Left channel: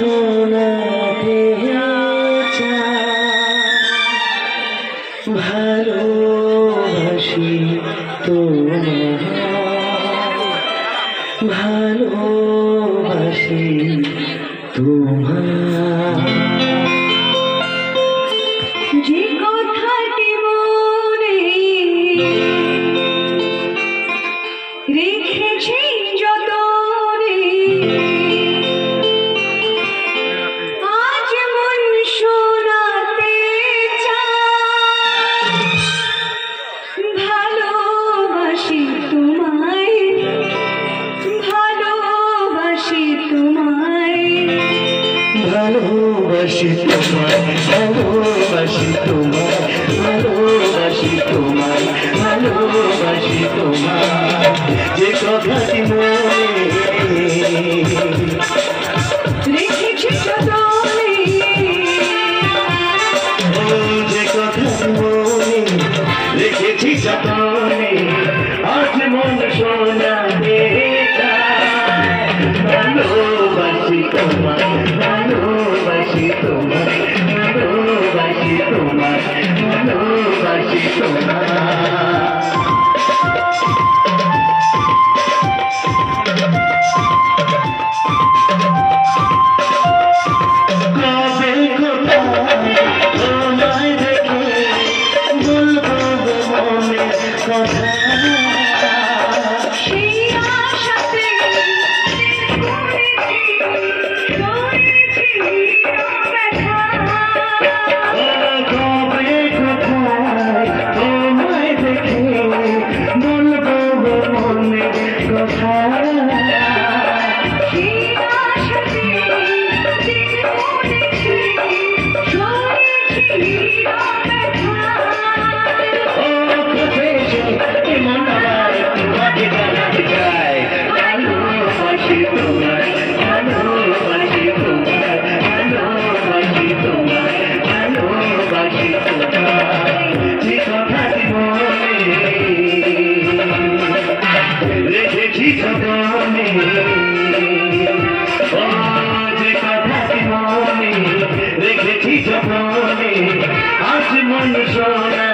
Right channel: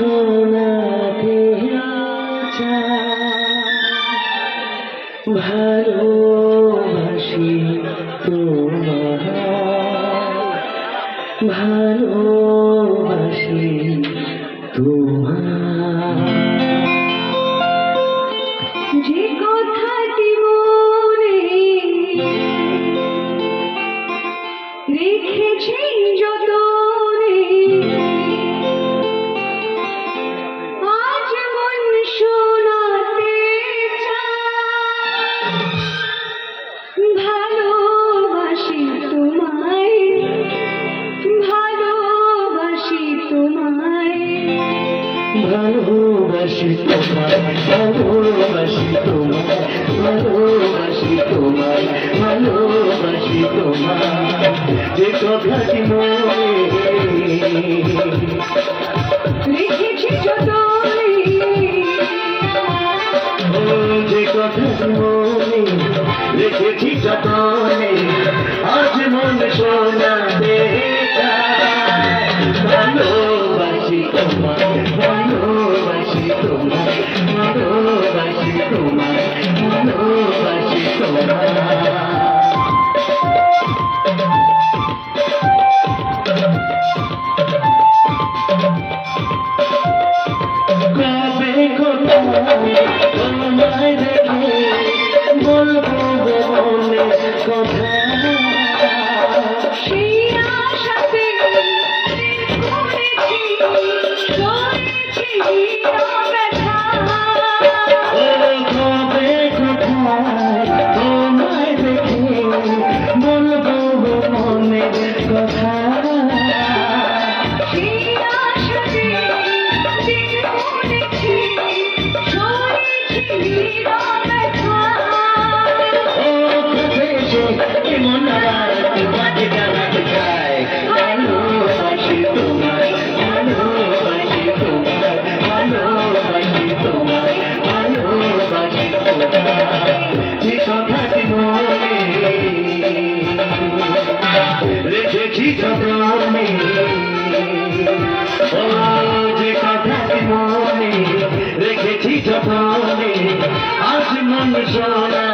শোনাতে ভালোবাসি তোমায়, ভালোবাসি তোমায়। যে কথাটি মনে রেখেছি যতনে, আজ মন শোনাতে চায় ভালোবাসি তোমায়, ভালোবাসি তোমায়, ভালোবাসি তোমায়, ভালোবাসি তোমায়, ভালোবাসি তোমায়, ভালোবাসি তোমায়। যে কথাটি মনে রেখেছি যতনে, যে কথাটি মনে রেখেছি যতনে, আজ মন শোনাতে চায় ভালোবাসি তোমায়, ভালোবাসি তোমায়, ভালোবাসি তোমায়, ভালোবাসি তোমায়। কবে কোথায় তোমায় দেখে বলবো মনের কথা, সেই আশাতে ঘুরেছি, ধরেছি ব্যথা। কবে কোথায় তোমায় দেখে বলবো মনের কথা, সেই আশাতে ঘুরেছি, ধরেছি ব্যথা। মন আবার তোমাকে জানাতে চায় ভালোবাসি তোমায়, ভালোবাসি তোমায়, ভালোবাসি তোমায়, ভালোবাসি তোমায়। যে কথাটি মনে রেখেছি যতনে, ও যে কথাটি মনে রেখেছি যতনে, আজ মন শোনা